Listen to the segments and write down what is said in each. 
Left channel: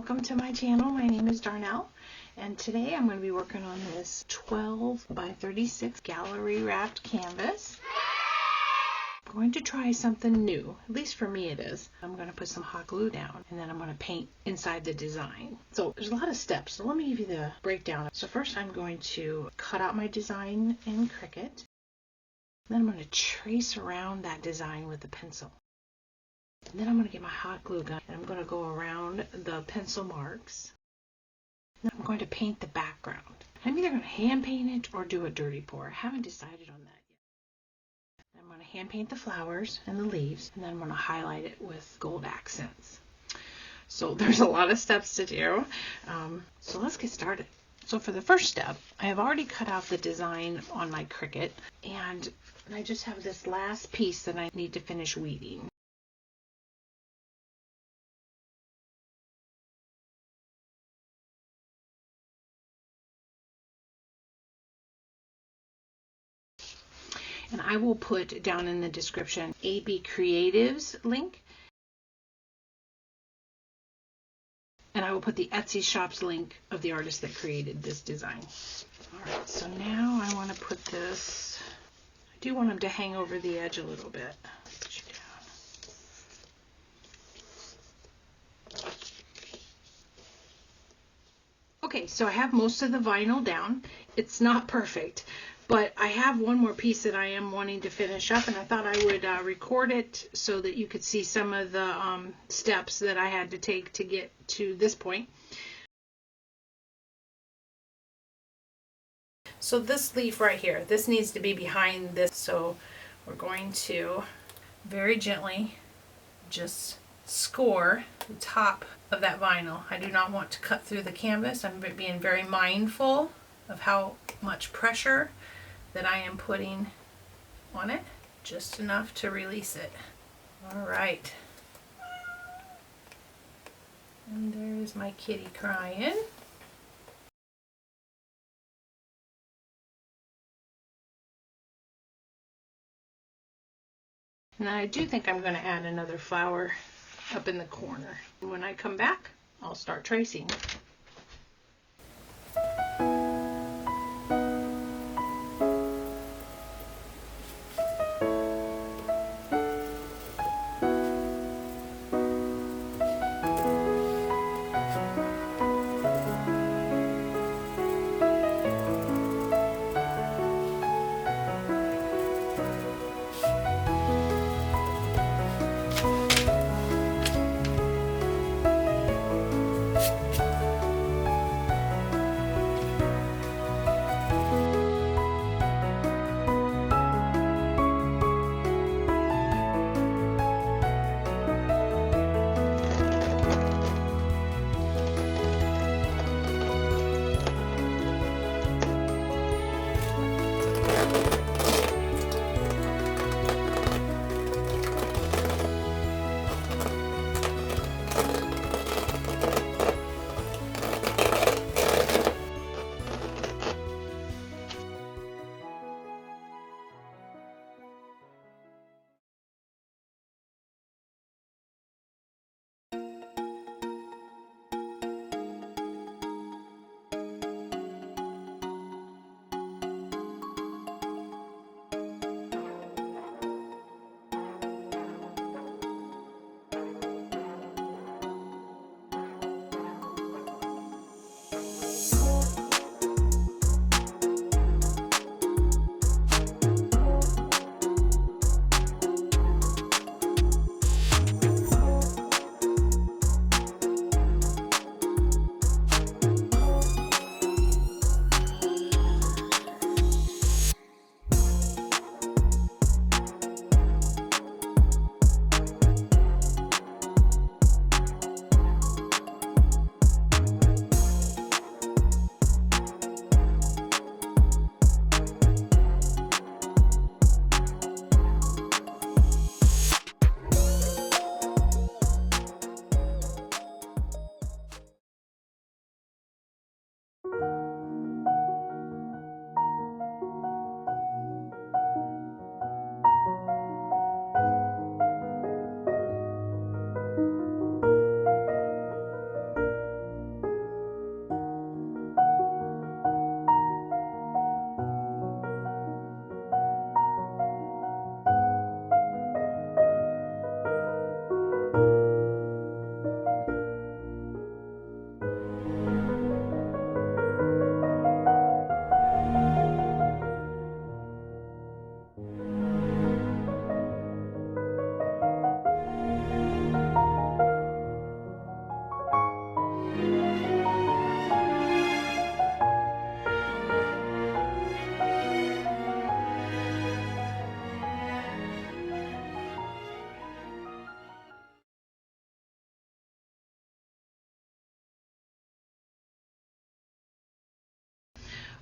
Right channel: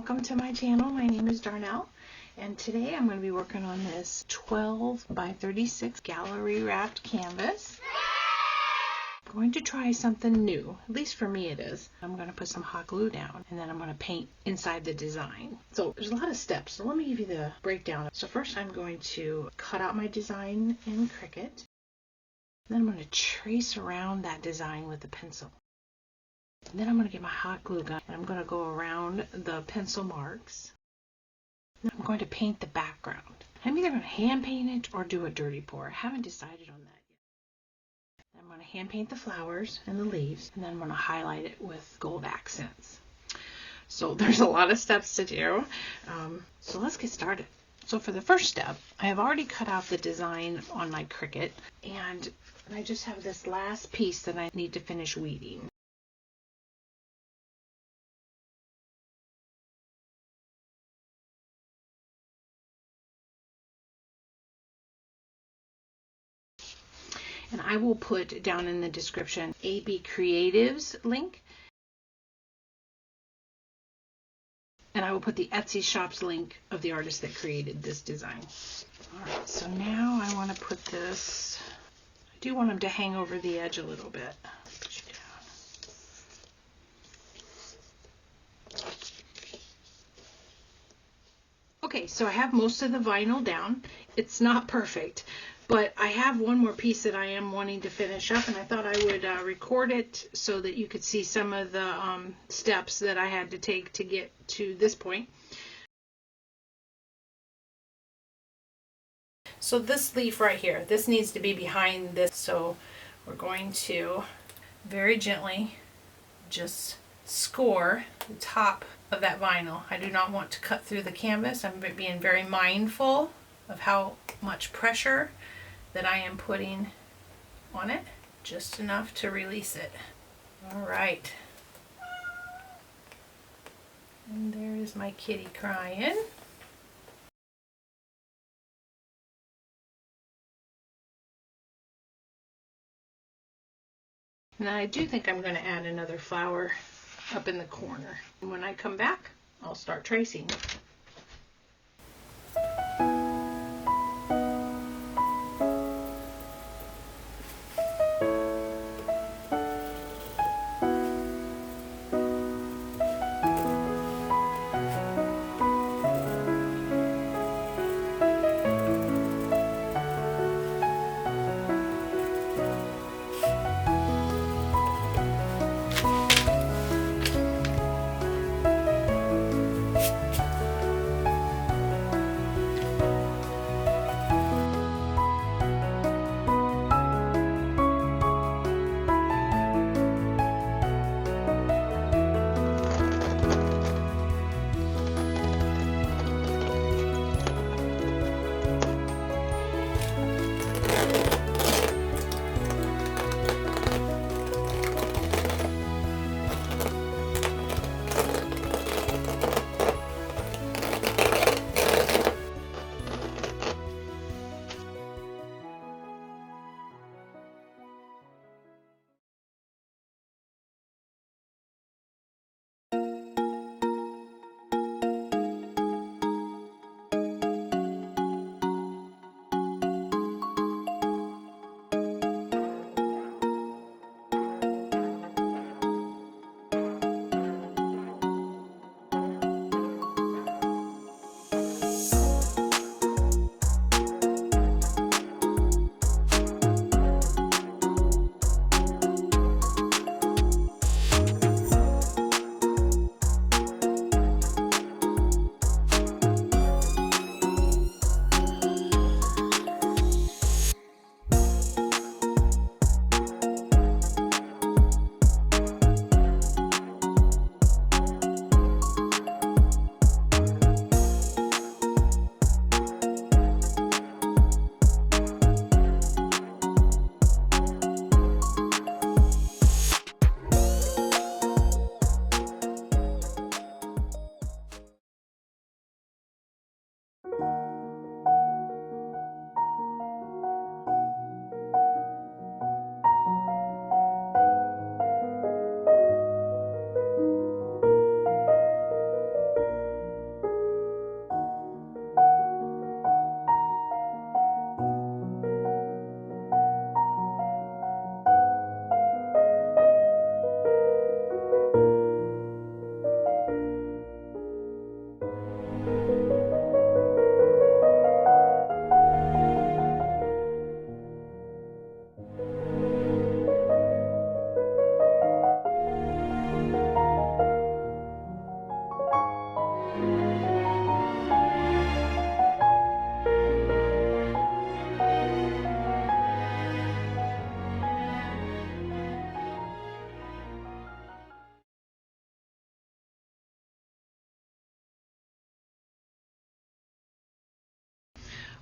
welcome to my channel. My name is Darnell, and today I'm going to be working on this 12 by 36 gallery wrapped canvas. I'm going to try something new, at least for me it is. I'm going to put some hot glue down and then I'm going to paint inside the design. So there's a lot of steps, so let me give you the breakdown. So first I'm going to cut out my design in Cricut. Then I'm going to trace around that design with a pencil. And then I'm going to get my hot glue gun and I'm going to go around the pencil marks. Then I'm going to paint the background. I'm either going to hand paint it or do a dirty pour. I haven't decided on that yet. Then I'm going to hand paint the flowers and the leaves, and then I'm going to highlight it with gold accents. So there's a lot of steps to do. So let's get started. So for the first step, I have already cut out the design on my Cricut, and I just have this last piece that I need to finish weeding. And I will put down in the description AB Creative's link. And I will put the Etsy shop's link of the artist that created this design. Alright, so now I want to put this, I do want them to hang over the edge a little bit. Put you down. Okay, so I have most of the vinyl down. It's not perfect, but I have one more piece that I am wanting to finish up, and I thought I would record it so that you could see some of the steps that I had to take to get to this point. So this leaf right here, this needs to be behind this, so we're going to very gently just score the top of that vinyl. I do not want to cut through the canvas. I'm being very mindful of how much pressure that I am putting on it, just enough to release it. All right. And there is my kitty crying. And I do think I'm going to add another flower up in the corner. And when I come back, I'll start tracing.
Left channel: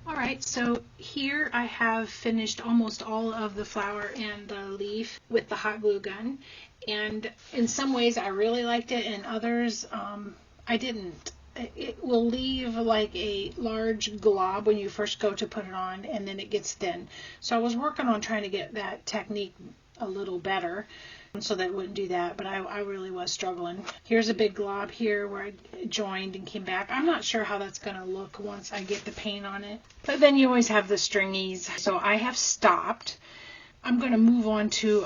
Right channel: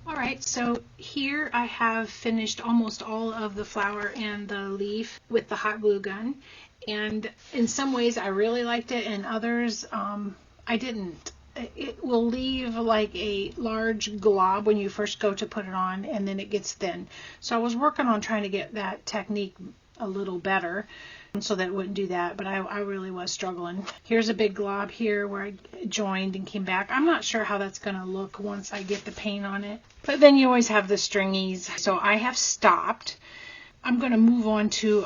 Alright, so here I have finished almost all of the flower and the leaf with the hot glue gun. And in some ways I really liked it, and others I didn't. It will leave like a large glob when you first go to put it on, and then it gets thin. So I was working on trying to get that technique a little better so that it wouldn't do that, but I really was struggling. Here's a big glob here where I joined and came back. I'm not sure how that's going to look once I get the paint on it. But then you always have the stringies. So I have stopped. I'm going to move on to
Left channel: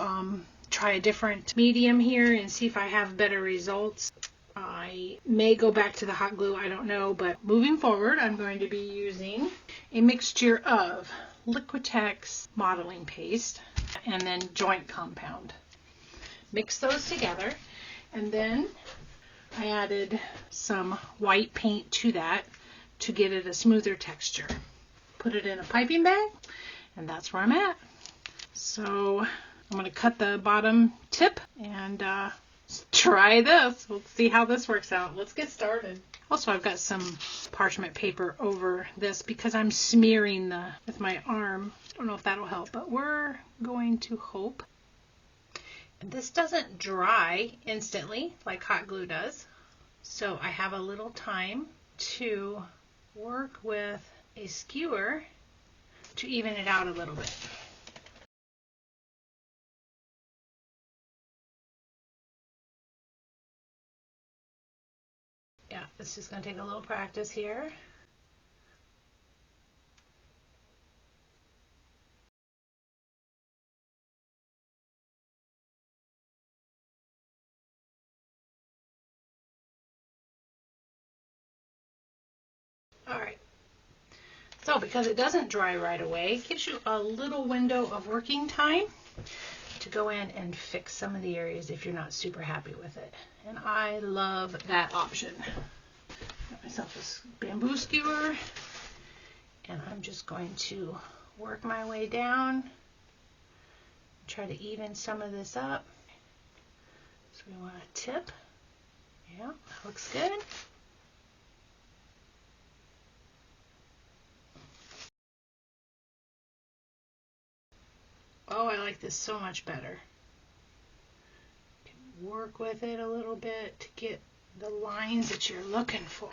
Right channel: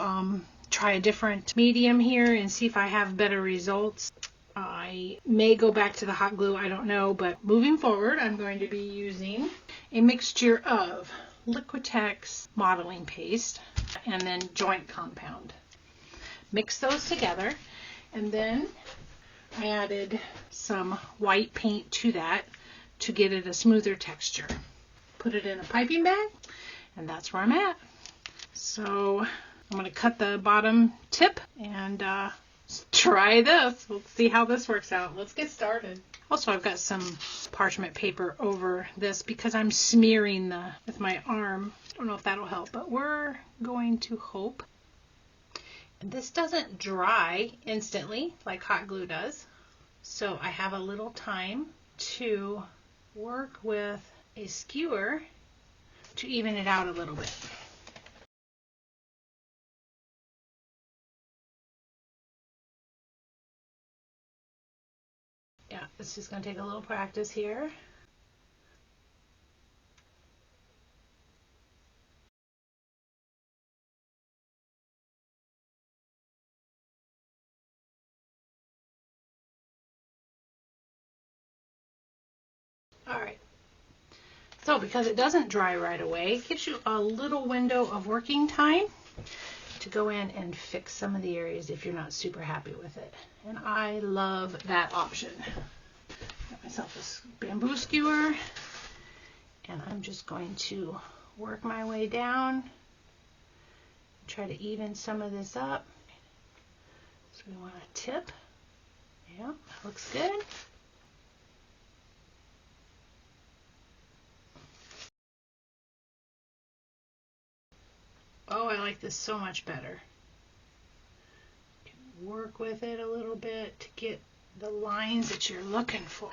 try a different medium here and see if I have better results. I may go back to the hot glue, I don't know, but moving forward I'm going to be using a mixture of Liquitex modeling paste and then joint compound. Mix those together, and then I added some white paint to that to get it a smoother texture. Put it in a piping bag, and that's where I'm at. So I'm going to cut the bottom tip and try this. Let's see how this works out. Let's get started. Also, I've got some parchment paper over this because I'm smearing with my arm. I don't know if that'll help, but we're going to hope. This doesn't dry instantly like hot glue does, so I have a little time to work with a skewer to even it out a little bit. Yeah, this is going to take a little practice here. Alright, so because it doesn't dry right away, it gives you a little window of working time to go in and fix some of the areas if you're not super happy with it. And I love that option. Got myself this bamboo skewer, and I'm just going to work my way down, try to even some of this up. So we want a tip. Yeah, that looks good. Oh, I like this so much better. You can work with it a little bit to get the lines that you're looking for.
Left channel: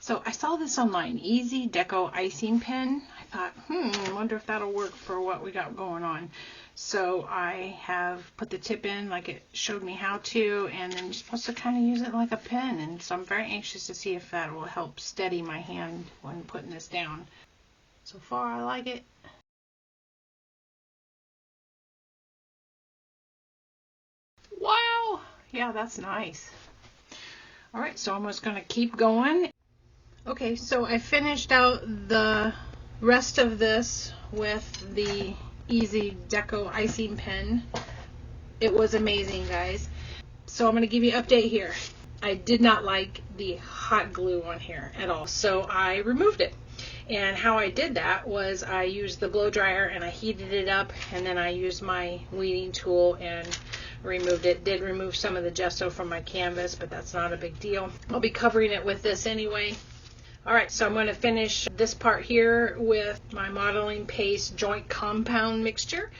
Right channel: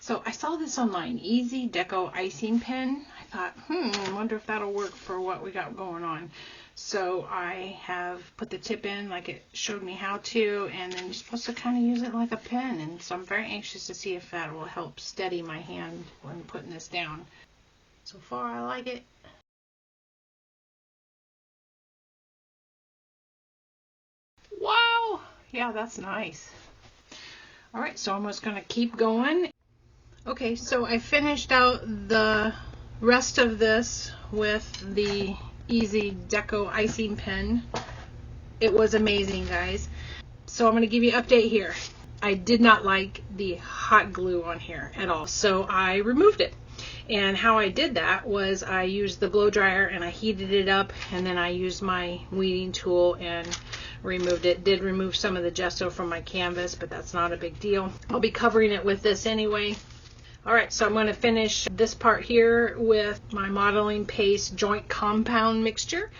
So I saw this online, Easy Deco Icing Pen. I thought, I wonder if that'll work for what we got going on. So I have put the tip in like it showed me how to, and then you're supposed to kind of use it like a pen. And so I'm very anxious to see if that will help steady my hand when putting this down. So far I like it. Wow! Yeah, that's nice. Alright, so I'm just going to keep going. Okay, so I finished out the rest of this with the Easy Deco Icing Pen. It was amazing, guys. So I'm going to give you an update here. I did not like the hot glue on here at all, so I removed it. And how I did that was I used the blow dryer and I heated it up, and then I used my weeding tool and removed it. Did remove some of the gesso from my canvas, but that's not a big deal. I'll be covering it with this anyway. Alright, so I'm going to finish this part here with my modeling paste joint compound mixture,